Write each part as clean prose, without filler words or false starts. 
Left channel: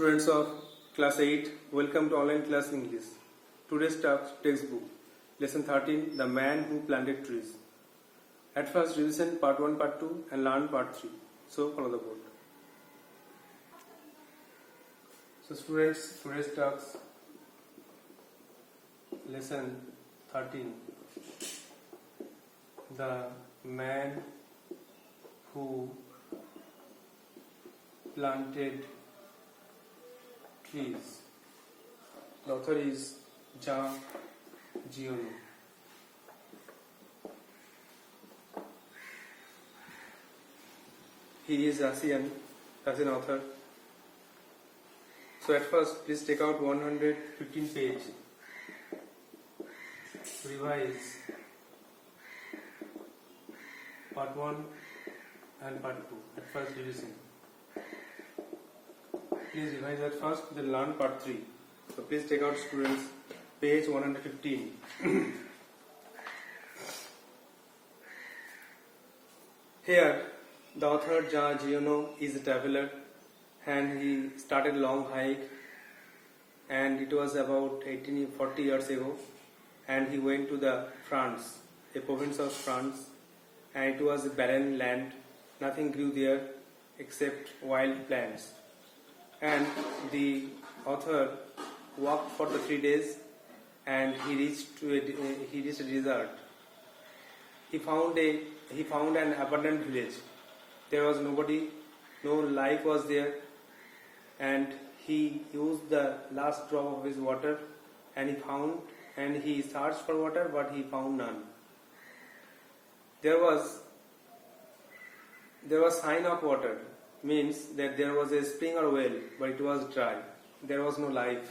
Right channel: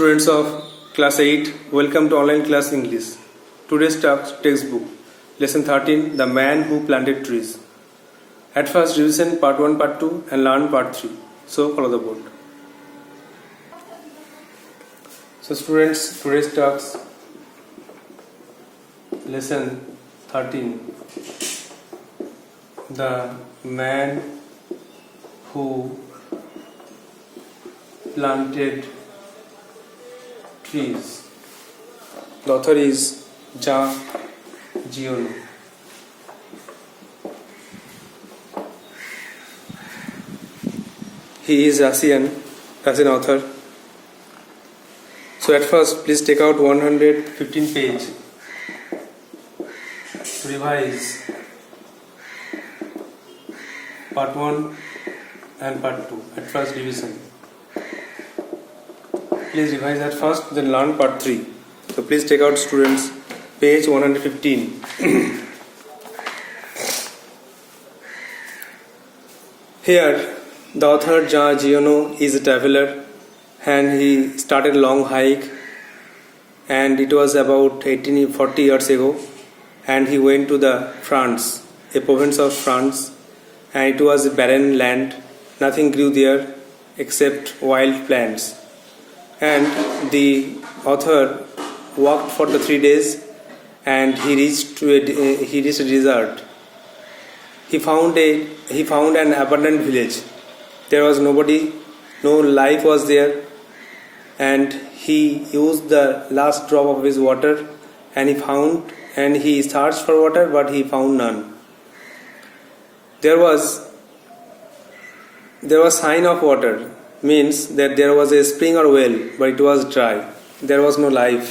Students of class 8, welcome to online class English. Today's textbook, lesson 13, The Man Who Planted Trees. At first revision part 1, part 2 and learn part 3. So follow the board. So students, today's talks, lesson 13, The Man Who Planted Trees. The author is Jean Giono. He is Russian author. So at first, please take out 115 page to revise part 1 and part 2 at first revision. Please revise that first, then learn part 3. So please take out, students, page 115. Here, the author Jean Giono is a traveler and he started a long hike, and it was about 40 years ago, and he went to the France, a province of France, and it was a barren land. Nothing grew there except wild plants. And the author walked for the 3 days, and he reached a desert. He found an abandoned village. There was nobody, no life was there, and he used the last drop of his water, and he searched for water, but he found none. There was sign of water, means that there was a spring or well, but it was dry. There was no life.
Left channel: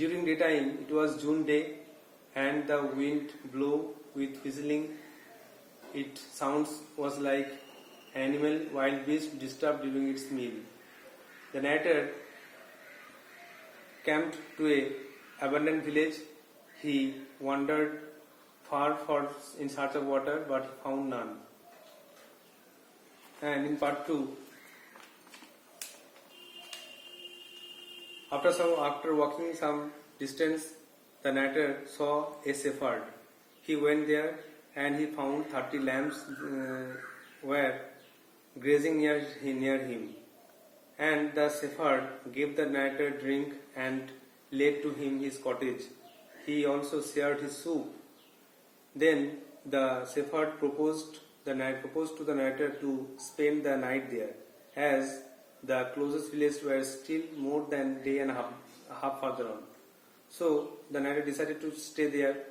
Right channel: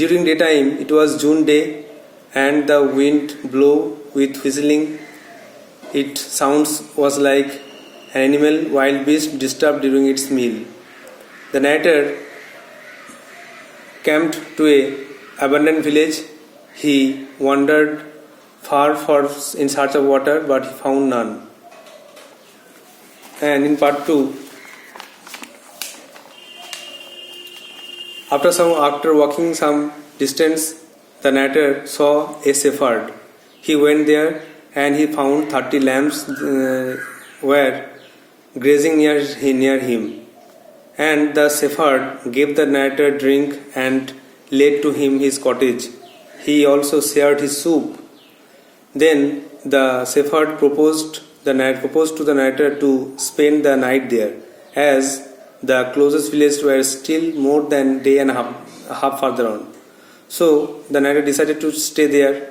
During daytime, it was June day, and the wind blew with whistling. Its sounds was like an animal, wild beast disturbed during its meal. The narrator camped to a abandoned village. He wandered far in search of water, but he found none. And in part 2, after walking some distance, the narrator saw a shepherd. He went there and he found 30 lambs were grazing near him. And the shepherd gave the narrator drink and led to him his cottage. He also shared his soup. Then the shepherd proposed to the narrator to spend the night there, as the closest village were still more than day and a half further on. So the narrator decided to stay there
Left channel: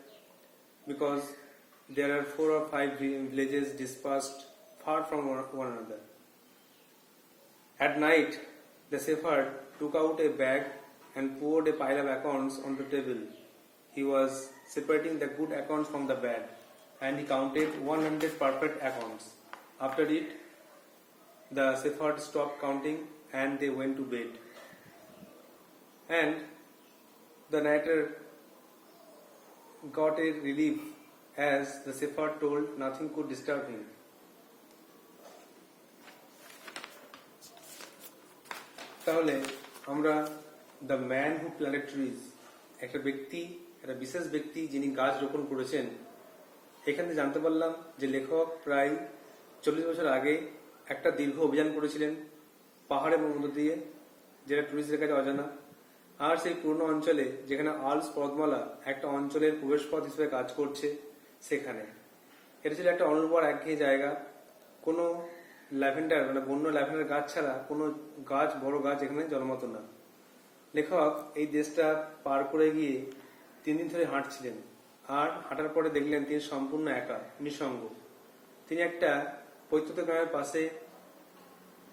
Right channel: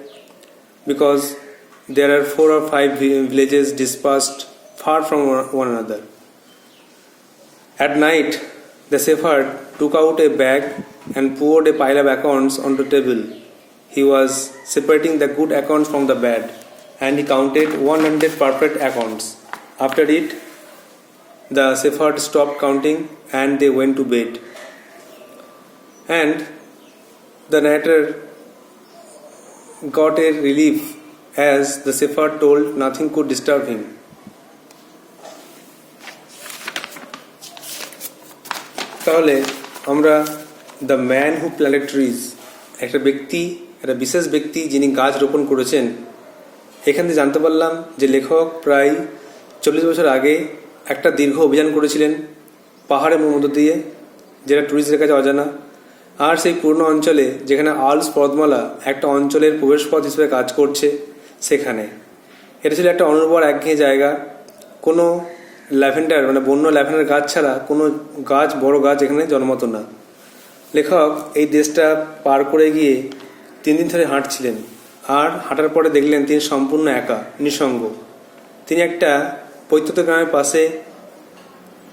because there are 4 or 5 villages dispersed far from one another. At night, the shepherd took out a bag and poured a pile of acorns onto the table. He was separating the good acorns from the bad, and he counted 100 perfect acorns. After it, the shepherd stopped counting and they went to bed. And the narrator got a relief, as the shepherd told nothing could disturb him. তাহলে আমরা the man who planted trees, একটা বিশেষ ব্যক্তি যিনি গাছ রোপণ করেছেন, এখান থেকে জানতে পারলাম যে লেখক প্রায় 40 বছর আগে একটা দীর্ঘ অভিযান করেছিলেন পাহাড়ের মধ্য দিয়ে, যেটা টুরিস্টদের কাছে অজানা। আর সেই পুরনো অঞ্চলে, যেখানে আল্পস পর্বতমালা একটা অঞ্চলের প্রবেশপথ হিসেবে কাজ করছে, সেখানে এটা ছিল একটা অনুর্বর একঘেয়ে জায়গা। কোনো ল্যাভেন্ডার বন্য ল্যাভেন্ডার গাছ ছাড়া কোনো বড় গাছ এখানে জন্মাতো না। লেখক এই দেশটা পার করে গিয়ে 3 দিন ধরে হাঁটছিলেন, আর হাঁটার পরে দেখলেন তিনি সম্পূর্ণ একা, নিঃসঙ্গ। তিনি একটা পৈতৃক গ্রামের পাশে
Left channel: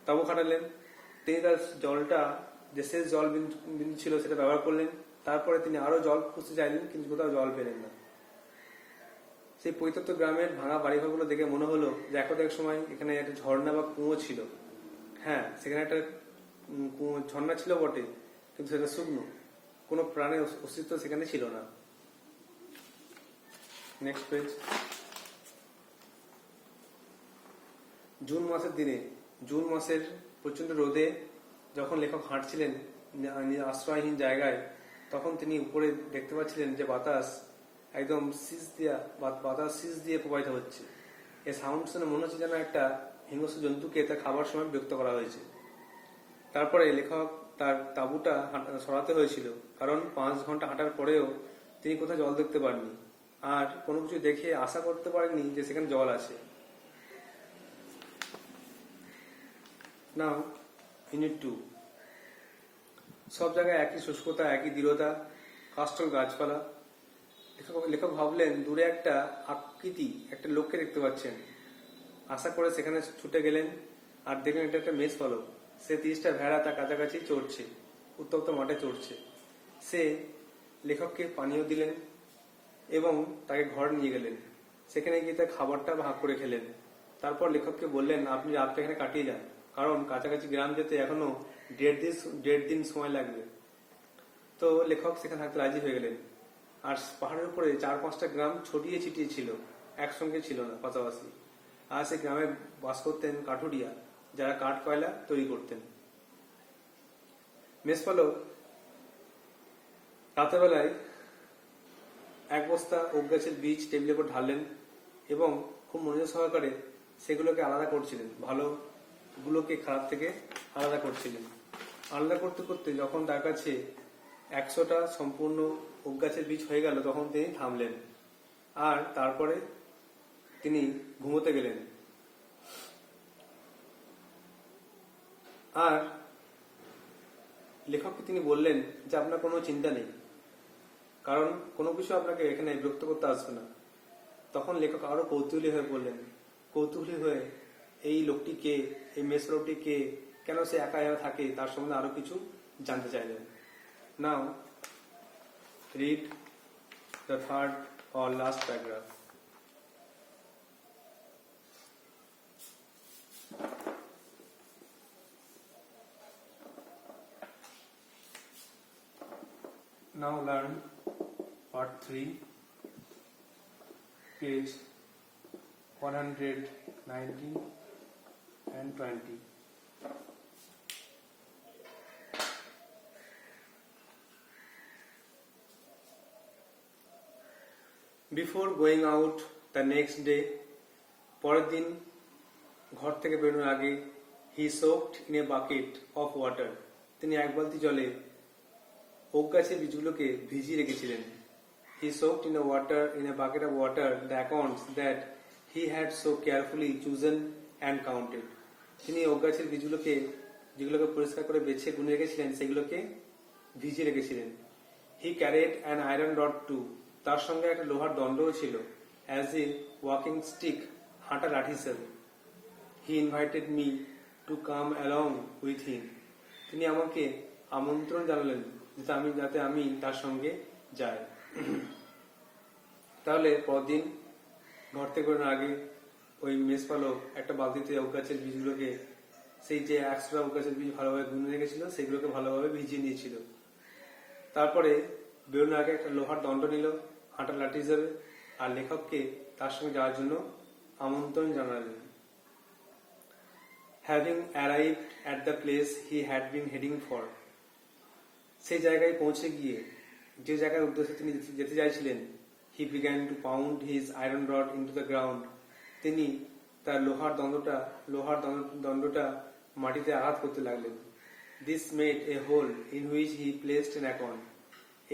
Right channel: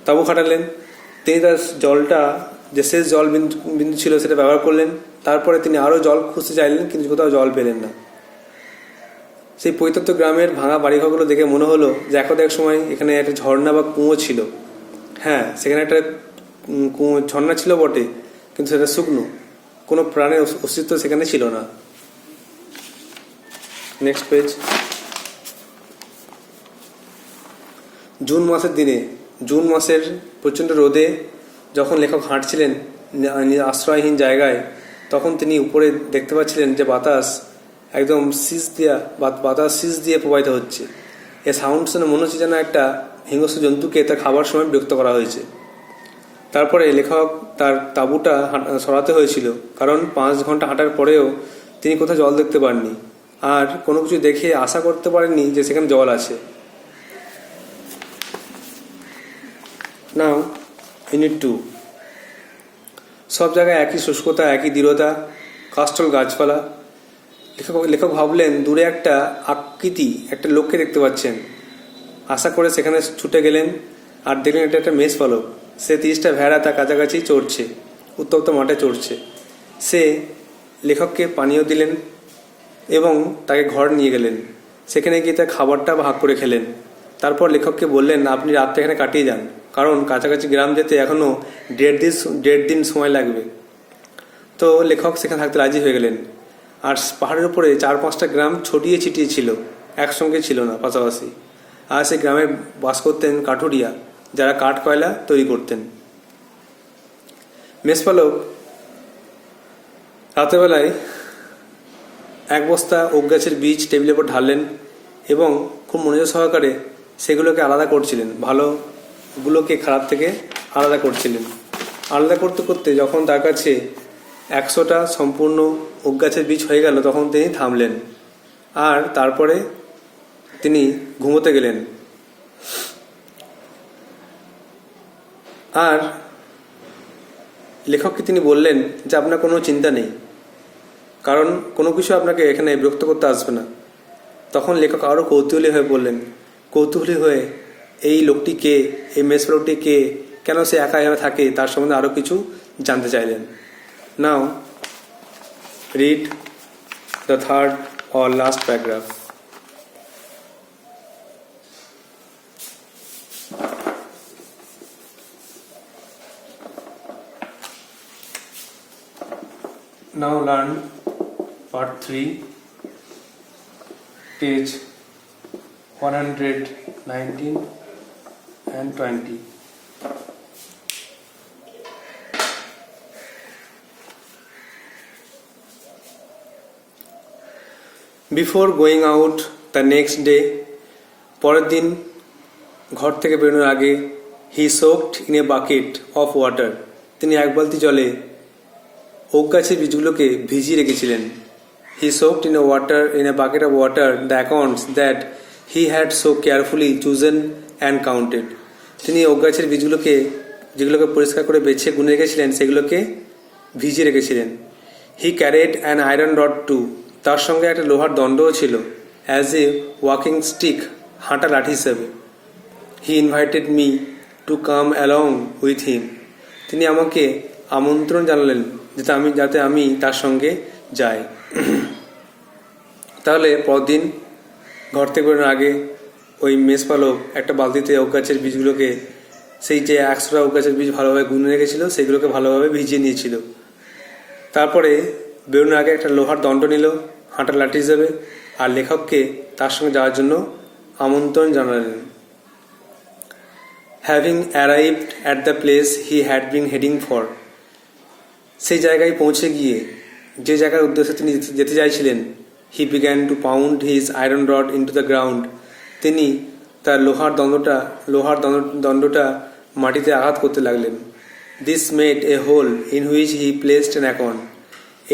তাঁবু খাটালেন। তিনি তার জলটা, যে শেষ জল বিন্দু ছিল, সেটা ব্যবহার করলেন। তারপরে তিনি আরও জল খুঁজতে চাইলেন, কিন্তু কোথাও জল পেলেন না। সেই পৈতৃক গ্রামের ভাঙা বাড়িঘরগুলো দেখে মনে হলো যে এক সময় এখানে একটা ঝর্ণা বা কুঁয়ো ছিল। হ্যাঁ, সেখানে একটা ঝর্ণা ছিল বটে, কিন্তু সেটা শুকনো, কোনো প্রাণের অস্তিত্ব সেখানে ছিল না। Next page. জুন মাসের দিনে জুন মাসের প্রচণ্ড রোদে যখন লেখক হাঁটছিলেন আশ্রয়হীন জায়গায়, তখন তিনি উপরে দেখতে পাচ্ছিলেন যে বাতাস একদম বাতাস শীষ দিয়ে প্রবাহিত হচ্ছে। এ সাউন্ড শুনে মনে হচ্ছে যেন একটা হিংস্র জন্তুকে তার খাবার সময় বিরক্ত করা হয়েছে। তারপরে লেখক তার তাঁবুটা সরাতে হয়েছিল, কারণ 5 ঘন্টা হাঁটার পরেও তিনি কোথাও জল দেখতে পাননি, আর কোনো কিছু দেখে আশা করতে পারেননি যে সেখানে জল আছে। নাও ইউনিট 2। সব জায়গায় একই শুষ্কতা, একই দৃঢ়তা, কাষ্ঠল গাছপালা। লেখক ভাবলেন দূরে একটা আকৃতি, একটা লোককে দেখতে পাচ্ছেন। আশা করে সেখানে ছুটে গেলেন আর দেখলেন এটা একটা মেষ পালক। সে 30টা ভেড়া তার কাছাকাছি চড়ছে, উত্তপ্ত মাঠে চড়ছে। সে লেখককে পানীয় দিলেন এবং তাকে ঘর নিয়ে গেলেন। সেখানে গিয়ে তার খাবারটা ভাগ করে খেলেন। তারপর লেখককে বললেন, আপনি রাতটা এখানে কাটিয়ে যান, কারণ কাছাকাছি গ্রাম যেতে এখনও 1.5 দিন সময় লাগবে। তো লেখক সেখানে থাকতে রাজি হয়ে গেলেন। আর পাহাড়ের উপরে 4-5টা গ্রাম ছড়িয়ে ছিটিয়ে ছিল, একসঙ্গে ছিল না, পাশাপাশি। আর সেই গ্রামে বাস করতেন কাঠুরিয়া, যারা কাঠ কয়লা তৈরি করতেন। মেষপালক রাতেরবেলায় 1 বস্তা ওক গাছের বীজ টেবিলের উপর ঢাললেন এবং খুব মনোযোগ সহকারে সেগুলোকে আলাদা করছিলেন, ভালোগুলোকে খারাপ থেকে আলাদা করছিলেন। আলাদা করতে করতে যখন তার কাছে 100টা সম্পূর্ণ ওক গাছের বীজ হয়ে গেল, তখন তিনি থামলেন আর তারপরে তিনি ঘুমোতে গেলেন। আর লেখককে তিনি বললেন যে আপনার কোনো চিন্তা নেই, কারণ কোনো কিছু আপনাকে এখানে বিরক্ত করতে আসবে না। তখন লেখক আরও কৌতূহলী হয়ে বললেন, কৌতূহলী হয়ে এই লোকটি কে, এই মেষপালকটি কে, কেন সে একা একা থাকে, তার সম্বন্ধে আরও কিছু জানতে চাইলেন। Now read the 3rd or last paragraph. Now learn part 3, page 119 and 20. Before going out the next day, পরের দিন ঘর থেকে বেরোনোর আগে, he soaked in a bucket of water, তিনি 1 বালতি জলে ওক গাছের বীজগুলোকে ভিজিয়ে রেখেছিলেন। He soaked in a bucket of water the acorns that he had so carefully chosen and counted. তিনি ওক গাছের বীজগুলোকে, যেগুলোকে পরিষ্কার করে বেছে গুনে রেখেছিলেন, সেগুলোকে ভিজিয়ে রেখেছিলেন। He carried an iron rod too, তার সঙ্গে একটা লোহার দণ্ডও ছিল, as a walking stick, হাঁটা লাঠি হিসেবে। He invited me to come along with him, তিনি আমাকে আমন্ত্রণ জানালেন যাতে আমি তার সঙ্গে যাই। তাহলে পরদিন ঘর থেকে বেরোনোর আগে ওই মেষপালক একটা বালতিতে ওক গাছের বীজগুলোকে, সেই যে 100টা ওক গাছের বীজ ভালোভাবে গুনে রেখেছিল, সেগুলোকে ভালোভাবে ভিজিয়ে নিয়েছিল। তারপরে বেরোনোর আগে একটা লোহার দণ্ড নিল হাঁটার লাঠি হিসেবে, আর লেখককে তার সঙ্গে যাওয়ার জন্য আমন্ত্রণ জানালেন। Having arrived at the place he had been heading for, সেই জায়গায় পৌঁছে গিয়ে, যে জায়গার উদ্দেশ্যে তিনি যেতে চাইছিলেন, he began to pound his iron rod into the ground, তিনি তার লোহার দণ্ডটা মাটিতে আঘাত করতে লাগলেন। This made a hole in which he placed an acorn,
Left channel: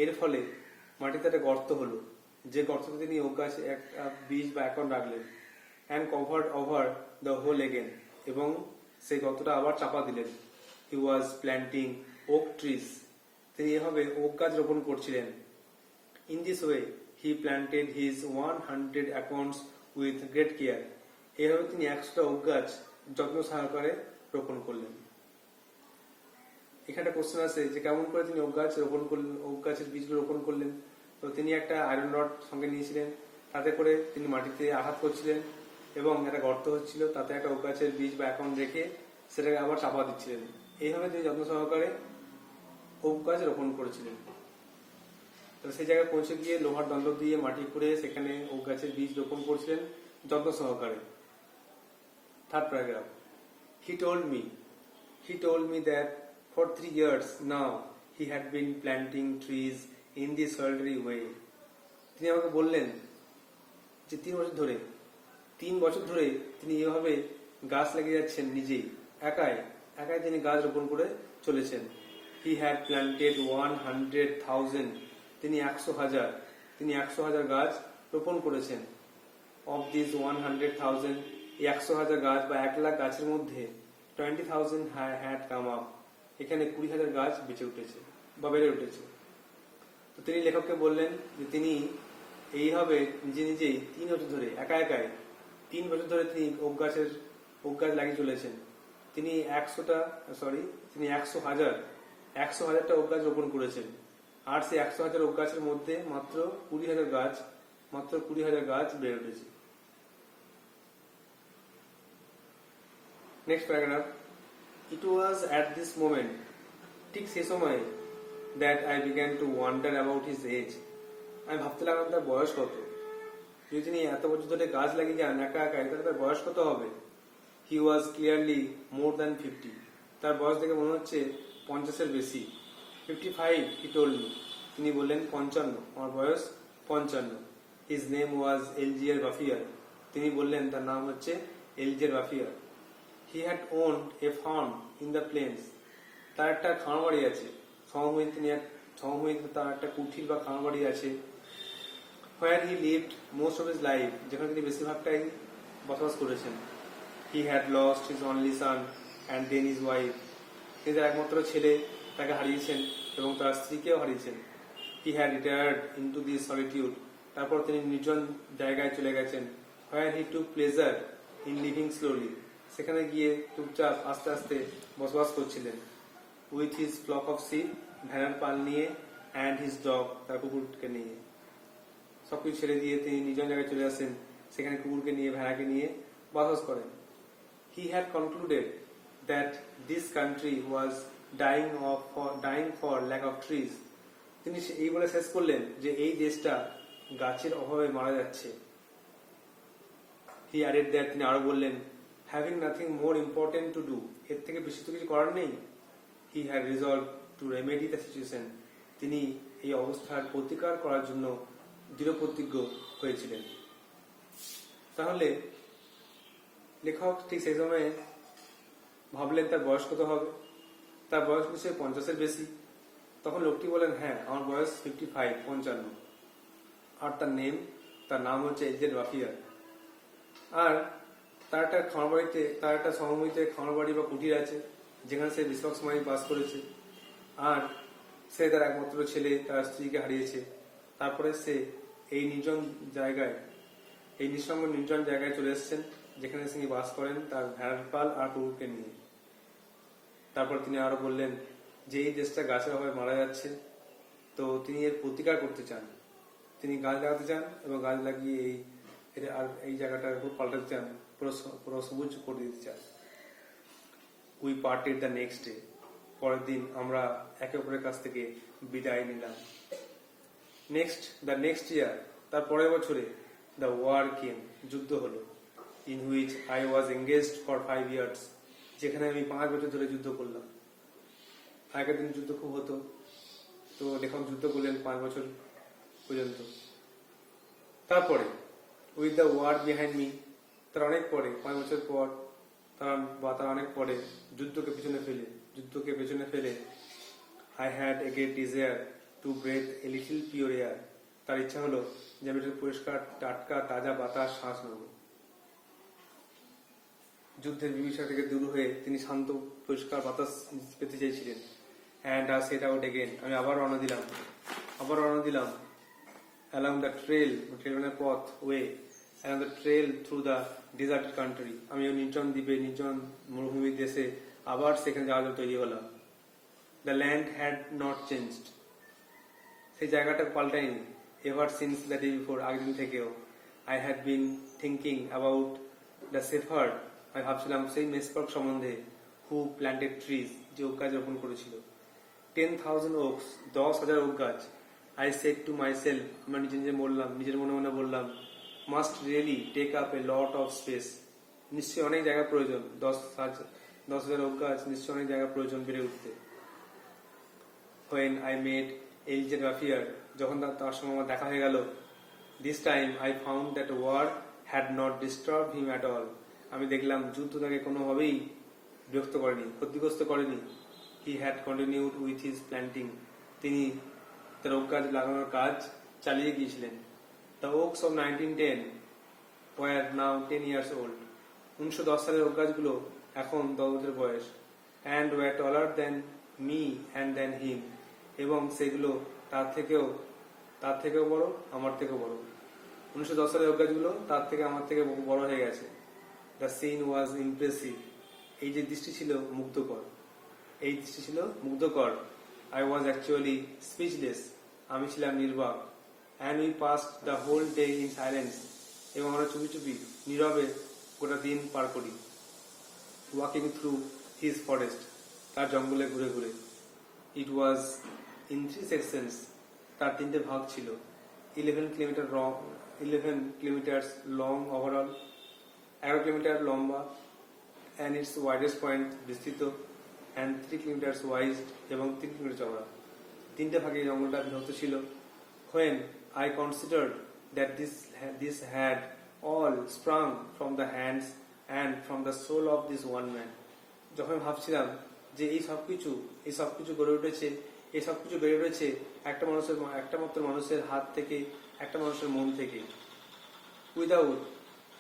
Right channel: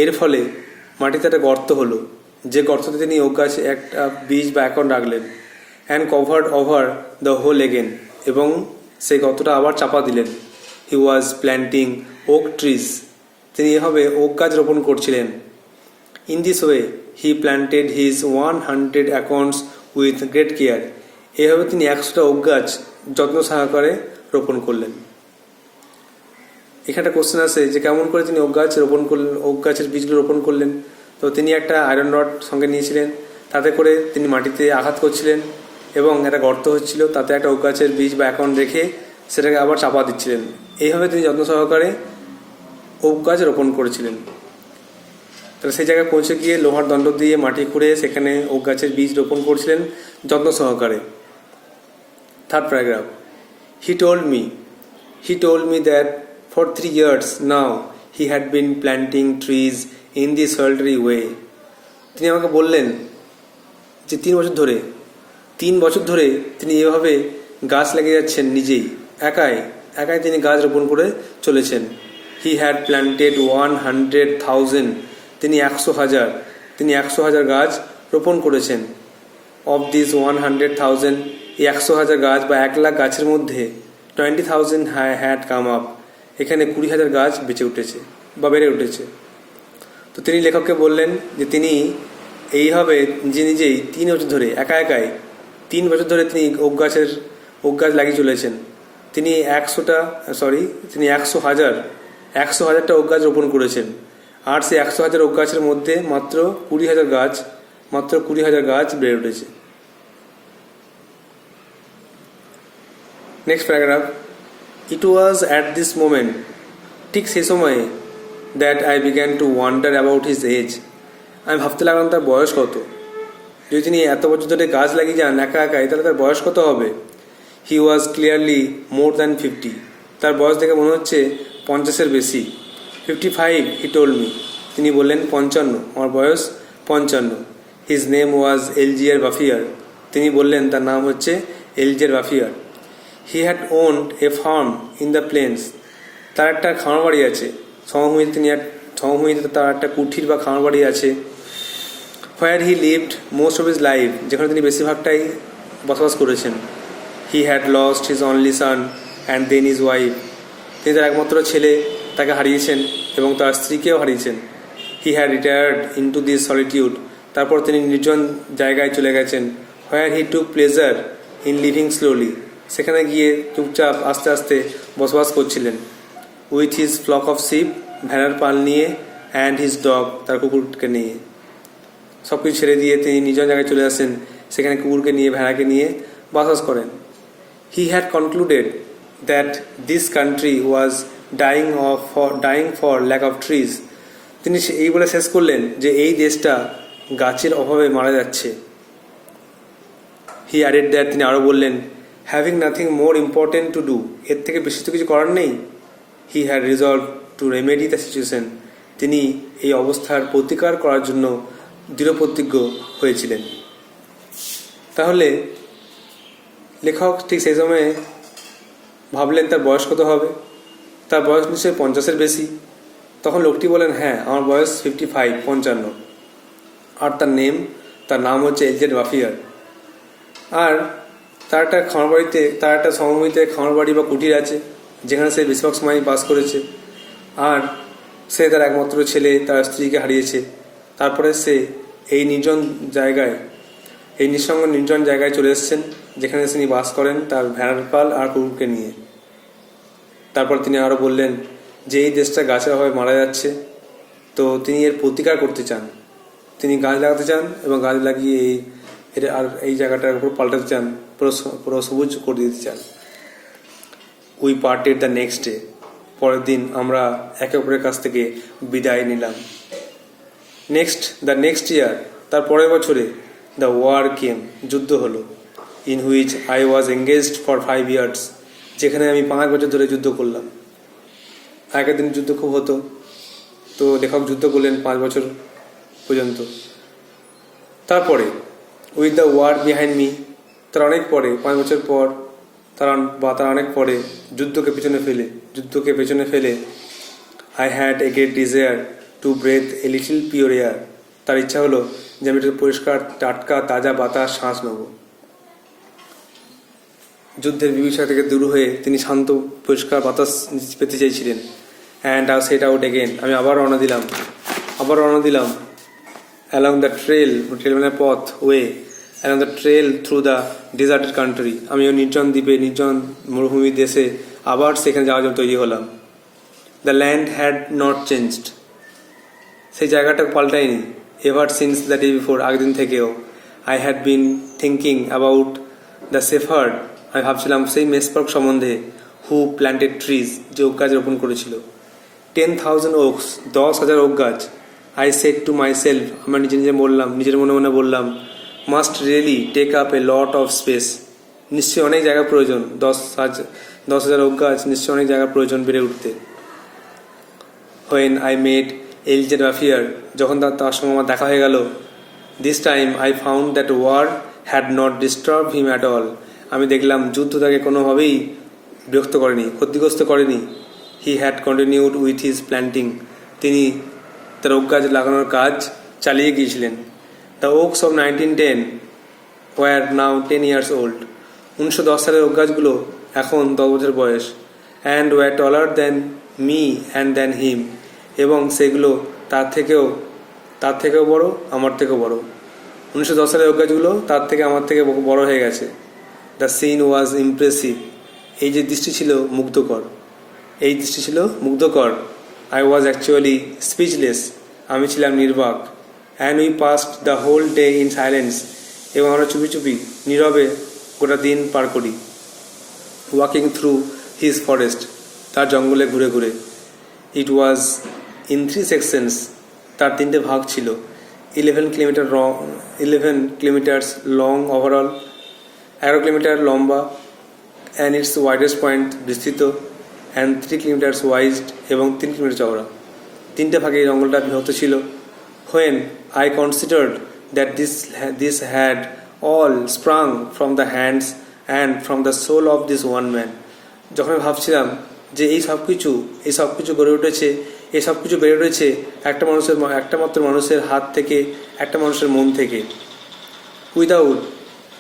এর ফলে মাটিতে একটা গর্ত হলো, যে গর্ততে তিনি ওক গাছে একটা বীজ বা অ্যাকর্ন রাখলেন। and covered over the hole again, এবং সেই গর্তটা আবার চাপা দিলেন। He was planting oak trees, তিনি এভাবে ওক গাছ রোপণ করছিলেন। In this way he planted his 100 acorns with great care, এভাবে তিনি 100টা ওক গাছ যত্ন সহকারে রোপণ করলেন। এখানে কোশ্চেন আসে যে কেমন করে তিনি ওক গাছের বীজগুলো রোপণ করলেন। তো তিনি একটা আয়রন রড সঙ্গে নিয়েছিলেন, তাতে করে তিনি মাটিতে আঘাত করছিলেন এবং একটা গর্ত হচ্ছিল, তাতে একটা ওক গাছের বীজ বা অ্যাকর্ন রেখে সেটাকে আবার চাপা দিচ্ছিলেন। এইভাবে তিনি যত্ন সহকারে ওক গাছ রোপণ করেছিলেন। তাহলে সেই জায়গায় পৌঁছে গিয়ে লোহার দণ্ড দিয়ে মাটি খুঁড়ে সেখানে ওক গাছের বীজ রোপণ করছিলেন যত্ন সহকারে। 3rd paragraph. He told me that for 3 years now he had been planting trees in this solitary way. তিনি আমাকে বললেন যে 3 বছর ধরে তিনি এভাবে গাছ লাগিয়ে যাচ্ছেন, নিজেই একাই তিনি গাছ রোপণ করে চলেছেন। হি হ্যাড প্ল্যান্টেড 100,000, তিনি 100,000 গাছ রোপণ করেছেন। অফ দিস 100,000, এই 100,000 গাছ বা 1,00,000 গাছের মধ্যে 20,000 হ্যাড কাম আপ, এখানে 20,000 গাছ বেঁচে উঠেছে বা বেড়ে উঠেছে। তো তিনি লেখককে বললেন যে তিনি এইভাবে নিজেই 3 বছর ধরে একাই 3 বছর ধরে তিনি ওক গাছ লাগিয়ে চলেছেন। তিনি 100,000টা ওক গাছ রোপণ করেছেন। আর সেই 100,000 ওক গাছের মধ্যে মাত্র 20,000 গাছ বেড়ে উঠেছে। Next paragraph. It was at this moment, ঠিক সেই সময়ে, that I began to wonder about his age, আমি ভাবতে লাগলাম তার বয়স কত। যদি তিনি এত বছর ধরে গাছ লাগিয়ে যান একাই, তাহলে তার বয়স কত হবে। হি ওয়াজ ক্লিয়ারলি মোর দ্যান 50, তার বয়স দেখে মনে হচ্ছে 50-এর বেশি। 55 হি টোল্ড মি, তিনি বললেন 55, আমার বয়স 55। হিজ নেম ওয়াজ এলজিয়ার বাফিয়ার, তিনি বললেন তার নাম হচ্ছে Elzeard Bouffier. He had owned a farm in the plains, তার একটা খামার বাড়ি আছে সমভূমিতে তার একটা কুঠির বা খামার বাড়ি আছে। Where he lived most of his life, যেখানে তিনি বেশিরভাগটাই বসবাস করেছেন। He had lost his only son and then his wife, তিনি তার একমাত্র ছেলে তাকে হারিয়েছেন এবং তার স্ত্রীকেও হারিয়েছেন। He had retired into this solitude, তারপর তিনি নির্জন জায়গায় চলে গেছেন। Where he took pleasure in living slowly, সেখানে গিয়ে চুপচাপ আস্তে আস্তে বসবাস করছিলেন। With his flock of sheep, ভেড়ার পাল নিয়ে, অ্যান্ড হিজ ডগ, তার কুকুরকে নিয়ে। সব কিছু ছেড়ে দিয়ে তিনি নিজন জায়গায় চলে আসেন, সেখানে কুকুরকে নিয়ে ভেড়াকে নিয়ে বসবাস করেন। He had concluded that this country was dying for lack of trees, তিনি এই বলে শেষ করলেন যে এই দেশটা গাছের অভাবে মারা যাচ্ছে। হি অ্যাডেড দ্যাট, তিনি আরও বললেন, having nothing more important to do, এর থেকে বেশি তো কিছু করার নেই। He had resolved to remedy the situation, তিনি এই অবস্থার প্রতিকার করার জন্য দৃঢ়প্রতিজ্ঞ হয়েছিলেন। তাহলে লেখক ঠিক সেই সময়ে ভাবলেন তার বয়স কত হবে। তার বয়স নিশ্চয়ই 50-এর বেশি। তখন লোকটি বলেন, হ্যাঁ আমার বয়স 55। আর তার নাম হচ্ছে এলজেড বাফিয়ার। আর তার একটা সমভূমিতে খামার বাড়ি বা কুটির আছে, যেখানে সে বেশিরভাগ সময় বাস করেছে। আর সে তার একমাত্র ছেলে, তার স্ত্রীকে হারিয়েছে। তারপরে সে এই নির্জন জায়গায় চলে এসেছেন, যেখানে তিনি বাস করেন তার ভেড়ার পাল আর কুকুরকে নিয়ে। তারপর তিনি আরও বললেন যে এই দেশটা গাছের অভাবে মারা যাচ্ছে, তো তিনি এর প্রতিকার করতে চান। তিনি গাছ লাগাতে চান এবং গাছ লাগিয়ে এই জায়গাটার উপর পাল্টাতে চান, পুরো সবুজ করে দিতে চান। We parted the next day, পরের দিন আমরা একে অপরের কাছ থেকে বিদায় নিলাম। দ্য নেক্সট ইয়ার, তার পরের বছরে, দ্য ওয়ার কেম, যুদ্ধ হলো। In which I was engaged for 5 years, যেখানে আমি 5 বছর ধরে যুদ্ধ করলাম। আগের দিন যুদ্ধ খুব হতো, তো লেখক যুদ্ধ করলেন 5 বছর পর্যন্ত। তারপরে with the war behind me, তার অনেক পরে, 5 বছর পর তার অনেক পরে যুদ্ধকে পেছনে ফেলে I had a great desire to breathe a little pure air, তার ইচ্ছা হলো যে আমি একটু পরিষ্কার টাটকা তাজা বাতাস শ্বাস নেব। যুদ্ধের বিভীষিকা থেকে দূর হয়ে তিনি শান্ত পরিষ্কার বাতাস পেতে চাইছিলেন। And I set out again, আমি আবার রওনা দিলাম অ্যালং দ্য ট্রেল মানে পথ, along the trail through the deserted country, আমি ওই নির্জন মরুভূমি দেশে আবার সেখানে যাওয়ার জন্য তৈরি হলাম। The land had not changed, সেই জায়গাটা পাল্টায়নি। Ever since the day before, আগের দিন থেকেও। I had been thinking about the shepherd, আমি ভাবছিলাম সেই মেসপার্ক সম্বন্ধে। হু প্ল্যান্টেড ট্রিজ, যে ওক গাছ রোপণ করেছিল। 10,000 oaks, 10,000 ওক গাছ। I said to myself, আমরা নিজের মনে বললাম, must really take up a lot of space, নিশ্চয়ই অনেক জায়গা প্রয়োজন। 10,000 ওক গাছ নিশ্চয়ই অনেক জায়গার প্রয়োজন বেড়ে উঠতে। When I met এলজে রাফিয়ার, যখন তার সঙ্গে আমার দেখা হয়ে গেল, this time I found that war had not disturbed him at all. আমি দেখলাম যুদ্ধ তাকে কোনোভাবেই বিরক্ত করেনি, ক্ষতিগ্রস্ত করেনি। He had continued with his planting. তিনি তার ওক গাছ লাগানোর কাজ চালিয়ে গিয়েছিলেন। The oaks of 1910 were now 10 years old। 1910 সালের ওক গাছগুলো এখন 10 বছর বয়স। And were taller than me and than him. এবং সেগুলো তার থেকেও বড়, আমার থেকেও বড়। 1910 সালের ওক গাছগুলো তার থেকে আমার থেকে বড় হয়ে গেছে। The scene was impressive. এই যে দৃষ্টি ছিল মুগ্ধকর, এই দৃষ্টি ছিল মুগ্ধকর। I was actually speechless. আমি ছিলাম নির্বাক। And we passed the whole day in silence. এবং আমরা চুপি চুপি নীরবে গোটা দিন পার করি। Walking through his forest. তার জঙ্গলে ঘুরে ঘুরে। It was in 3 sections। তার 3টে ভাগ ছিল। 11 কিলোমিটার্স লং ওভারঅল, 11 কিলোমিটার লম্বা, অ্যান্ড ইটস ওয়াইডেস্ট পয়েন্ট বিস্তৃত, অ্যান্ড 3 কিলোমিটার্স ওয়াইড, এবং 3 কিলোমিটার চওড়া। 3টে ভাগে এই জঙ্গলটা বিভক্ত ছিল। When I considered that this had all sprung from the hands and from the soul of this one man. যখন আমি ভাবছিলাম যে এই সব কিছু গড়ে উঠেছে, এই সব কিছু বেড়ে উঠেছে একটা মাত্র মানুষের হাত থেকে, একটা মানুষের মন থেকে। উইদাউট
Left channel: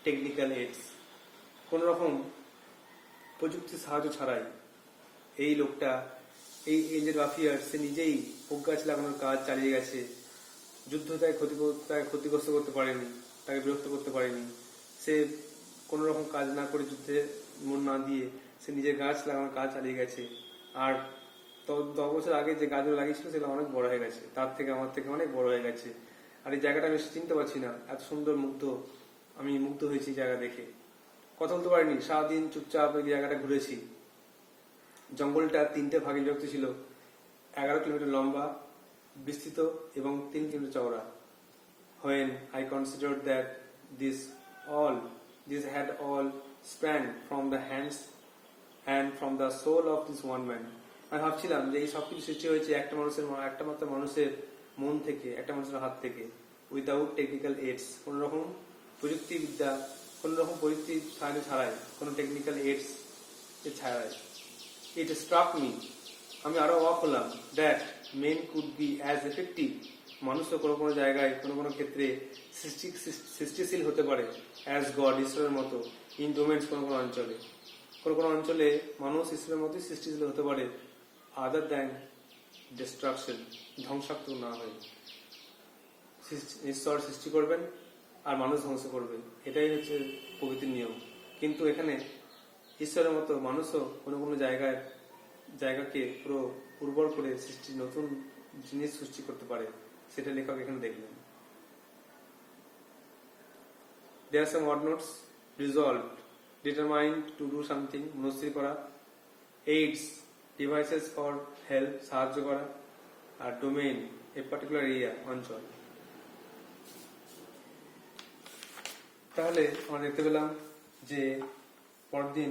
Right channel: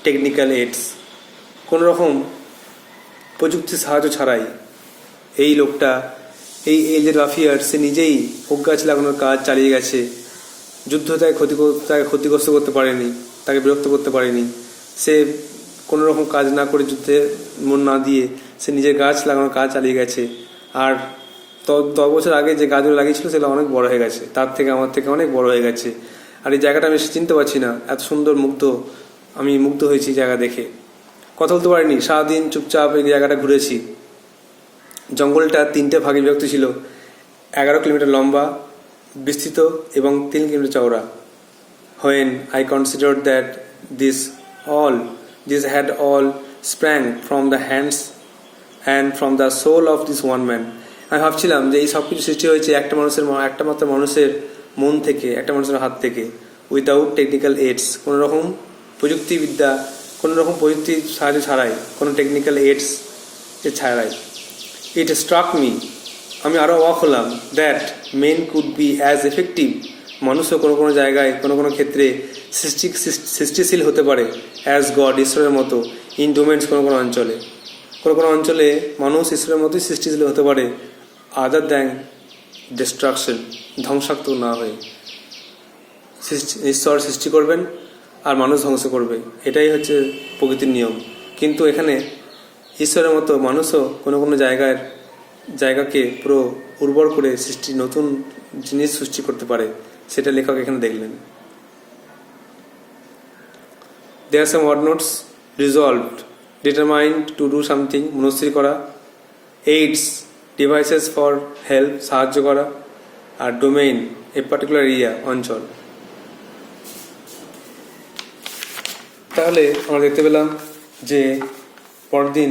টেকনিক্যাল এইডস, কোনো রকম প্রযুক্তির সাহায্য ছাড়াই। এই লোকটা, এই এলজে রাফিয়ার, সে নিজেই ওক গাছ লাগানোর কাজ চালিয়ে গেছে। যুদ্ধ তাকে ক্ষতিগ্রস্ত করতে পারেনি, তাকে বিরক্ত করতে পারেনি। সে কোনো রকম কাজ না করে, যুদ্ধে মন না দিয়ে সে নিজের গাছ লাগানোর কাজ চালিয়ে গেছে। আর 10 বছর আগে যে গাছগুলো লাগিয়েছিল সেগুলো অনেক বড় হয়ে গেছে, তার থেকে আমার থেকে অনেক বড় হয়ে গেছে। আর এই জায়গাটা আমি চিনতে পারছি না, এত সুন্দর আমি মুগ্ধ হয়েছি জায়গা দেখে। কথা বলতে পারিনি, সারাদিন চুপচাপ এই জায়গাটা ঘুরেছি। জঙ্গলটা 3টে ভাগে বিভক্ত ছিল। 11 কিলোমিটার লম্বা, বিস্তৃত, এবং 3 কিলোমিটার চওড়া। When I considered that this had all sprang from the hands and from the soul of this one man। আমি ভাবছিলাম যে এই সব কিছু সৃষ্টি হয়েছে একটা মাত্র মানুষের মন থেকে, একটা মানুষের হাত থেকে। উইদাউট টেকনিক্যাল এইডস, কোনো রকম প্রযুক্তির সাহায্য ছাড়াই, কোনো টেকনিক্যাল এইডস ছাড়াই। ইট স্ট্রাক মি, আমি আরও অবাক হলাম, that men could be as effective. মানুষও কোনো জায়গায়, কোনো ক্ষেত্রে সৃষ্টিশীল হতে পারে অ্যাজ গড, ঈশ্বরের মতো। ইন ডোমেন্স, কোনো অঞ্চলে মানুষ ঈশ্বরের মতোই সৃষ্টিশীল হতে পারে, আদার দ্যান ডিস্ট্রাকশন, ধ্বংসাত্মক না হয়ে। ঈশ্বর সৃষ্টি করবেন আর মানুষ ধ্বংস করবে, এটাই হচ্ছে প্রকৃতির নিয়ম। কিন্তু এখানে ঈশ্বরের মতো মানুষও কোনো জায়গাকে পুরো উর্বর করে নতুন জিনিস সৃষ্টি করতে পারে, সেটা লেখক এখানে দেখলেন। There are some word notes: resolved, determined to do something, মনস্থির করা; aids, devices for help, সাহায্য করা; আর domain, a particular area, অঞ্চল। তাহলে আমরা দেখতে পেলাম যে পরদিন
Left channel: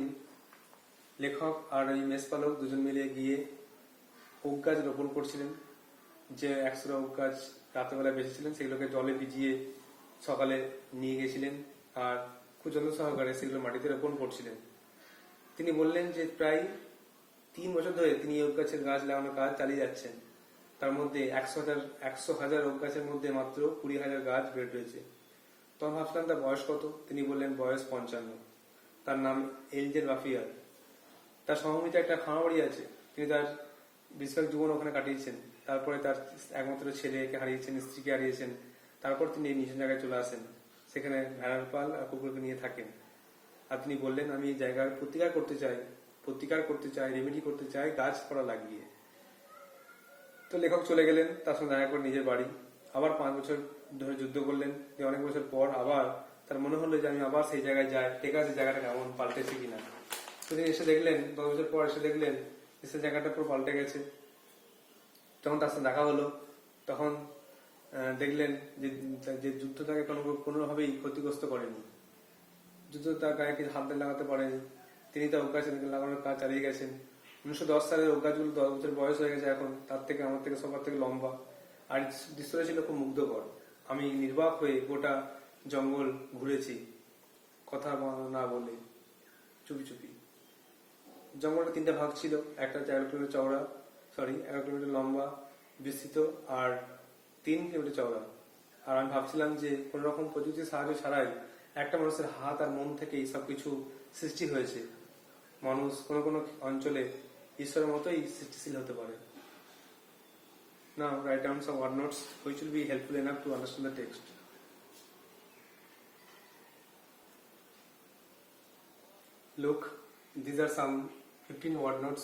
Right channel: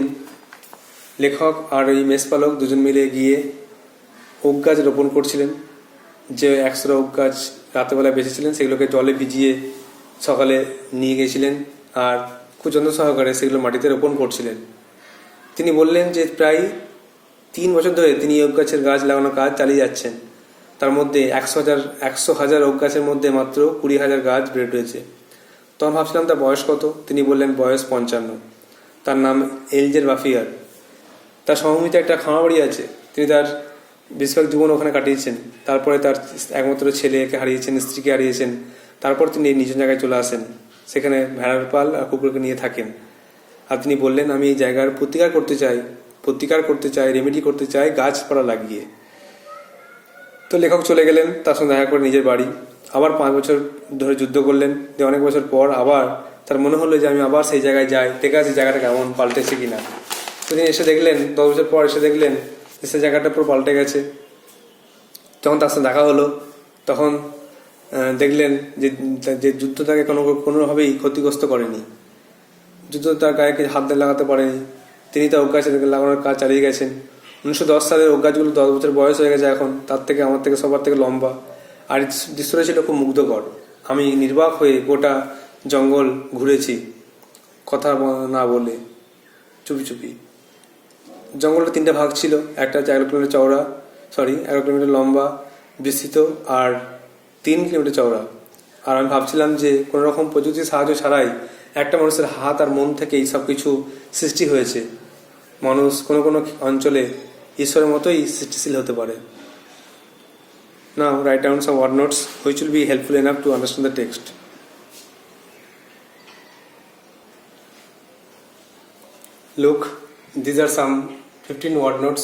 লেখক আর এই মেষপালক দুজন মিলে গিয়ে ওক গাছ রোপণ করছিলেন। যে 100 ওক গাছ রাতেবেলা বেঁচেছিলেন সেগুলোকে জলে ভিজিয়ে সকালে নিয়ে গেছিলেন আর খুব যত্ন সহকারে সেগুলো মাটিতে রোপণ করছিলেন। তিনি বললেন যে প্রায় 3 বছর ধরে তিনি ওক গাছের গাছ লাগানোর কাজ চালিয়ে যাচ্ছেন। তার মধ্যে 100,000 ওক গাছের মধ্যে মাত্র 20,000 গাছ বেড়ে উঠেছে। তখন ভাবছিলাম তার বয়স কত। তিনি বললেন বয়স 55। তার নাম এলজে রাফিয়ার। তার সমভূমিতে একটা খামারবাড়ি আছে। তিনি তার বেশিরভাগ জীবন ওখানে কাটিয়েছেন। তারপরে তার একমাত্র ছেলেকে হারিয়েছেন, স্ত্রীকে হারিয়েছেন। তারপর তিনি নিজ জায়গায় চলে আসেন, সেখানে ভেড়ার পাল আর কুকুরকে নিয়ে থাকেন। আর তিনি বললেন আমি এই জায়গার প্রতিকার করতে চাই, রেমেডি করতে চাই গাছপালা লাগিয়ে। তো লেখক চলে গেলেন তার সঙ্গে দেখা করে নিজের বাড়ি। আবার 5 বছর ধরে যুদ্ধ করলেন। যে অনেক বছর পর আবার তার মনে হলো যে আমি আবার সেই জায়গায় যাই, দেখে আসি জায়গাটা কেমন পাল্টেছে কিনা। তো তিনি এসে দেখলেন, 10 বছর পর এসে দেখলেন যে সেই জায়গাটা পুরো পাল্টে গেছে। যখন তার সাথে দেখা হলো তখন দেখলেন যে যুদ্ধ তাকে কোনোভাবেই ক্ষতিগ্রস্ত করেনি। যুদ্ধ তার গায়ে হাত লাগাতে পারেনি। তিনি তার ওক গাছ লাগানোর কাজ চালিয়ে গেছেন। 1910 সালের ওক গাছগুলো 10 বছর বয়স হয়ে গেছে এখন, তার থেকে আমার থেকে সবার থেকে লম্বা। আর এই দৃশ্যটা ছিল খুব মুগ্ধকর। আমি নির্বাক হয়ে গোটা জঙ্গল ঘুরেছি কথা না বলে, চুপি চুপি। জঙ্গলটা 3টে ভাগ ছিল, একটা হচ্ছে 11 কিলোমিটার চওড়া, 11 কিলোমিটার লম্বা বিস্তৃত, আর 3 কিলোমিটার চওড়া। আর আমি ভাবছিলাম যে কোনো রকম প্রযুক্তির সাহায্য ছাড়াই একটা মানুষের হাত আর মন থেকেই সব কিছু সৃষ্টি হয়েছে। মানুষ কোনো কোনো অঞ্চলে ঈশ্বরের মতোই সৃষ্টিশীল হতে পারে। Now write down some word notes which will be helpful enough to understand the text. Look, these are some 15 word notes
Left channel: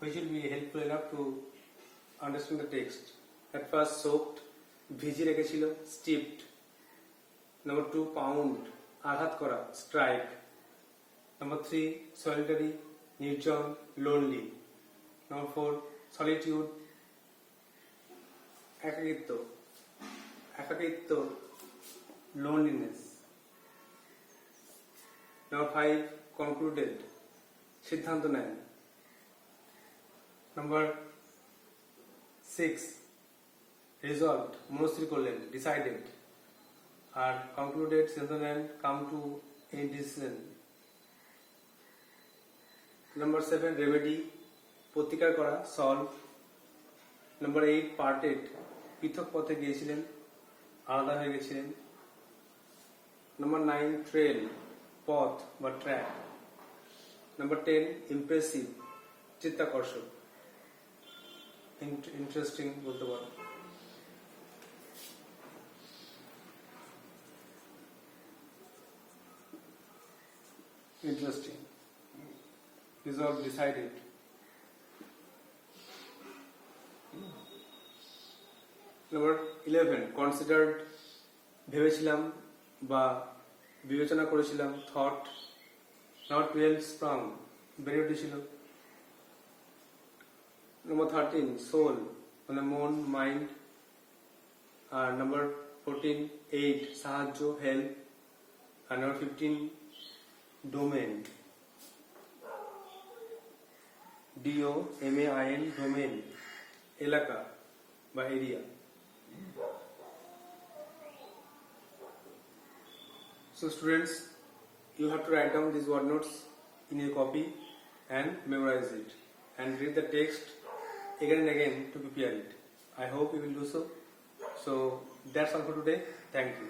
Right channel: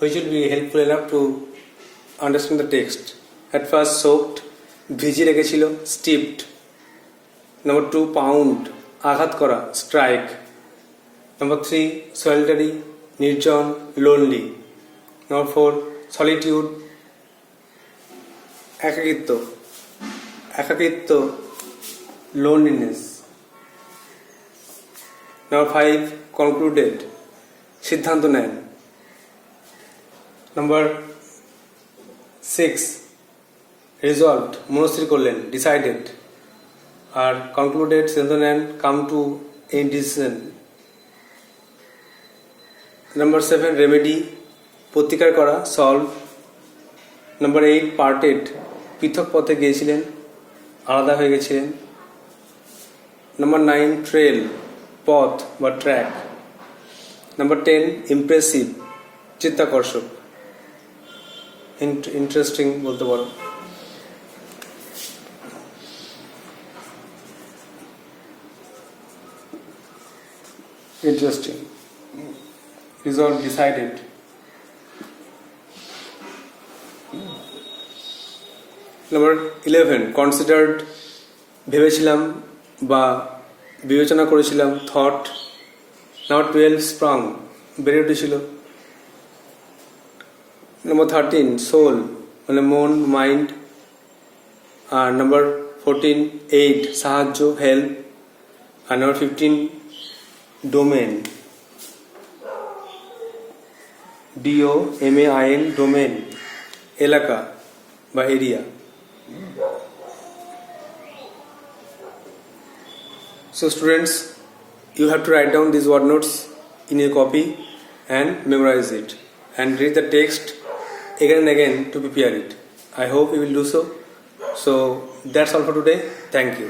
which will be helpful enough to understand the text. At first, soaked, ভিজিয়ে রেখেছিল, steeped. Number 2, pound, আঘাত করা, strike. Number 3, solitary, নির্জন, lonely. Number 4, solitude, একাকিত্ব, loneliness. Number 5, concluded, সিদ্ধান্ত নেন. Number 6, resolved, মনস্থির করলেন, decided. আর concluded, সিদ্ধান্ত নেন, come to a decision. Number 7, remedy, প্রতিকার করা, solve. Number 8, parted, পৃথক পথে গিয়েছিলেন, আলাদা হয়ে গেছিলেন. Number 9, trail, পথ বা ট্র্যাক. Number 10, impressive, চিত্তাকর্ষক, ইন্টারেস্টিং বলতে পারো. Interesting, resolved, decided. Number 11, considered, ভেবেছিলাম বা বিবেচনা করেছিলাম, thought. Number 12, sprung, বেড়ে উঠেছিল. Number 13, soul, মানে মন, মাইন্ড. আর Number 14, aid, সাহায্য, হেল্প. আর Number 15, domain, DOMAIN, domain, এলাকা বা area. So students, you have to write down these word notes in your copy and memorize it and read the text again and again to prepare it. I hope you will do so. So that's all for today. Thank you.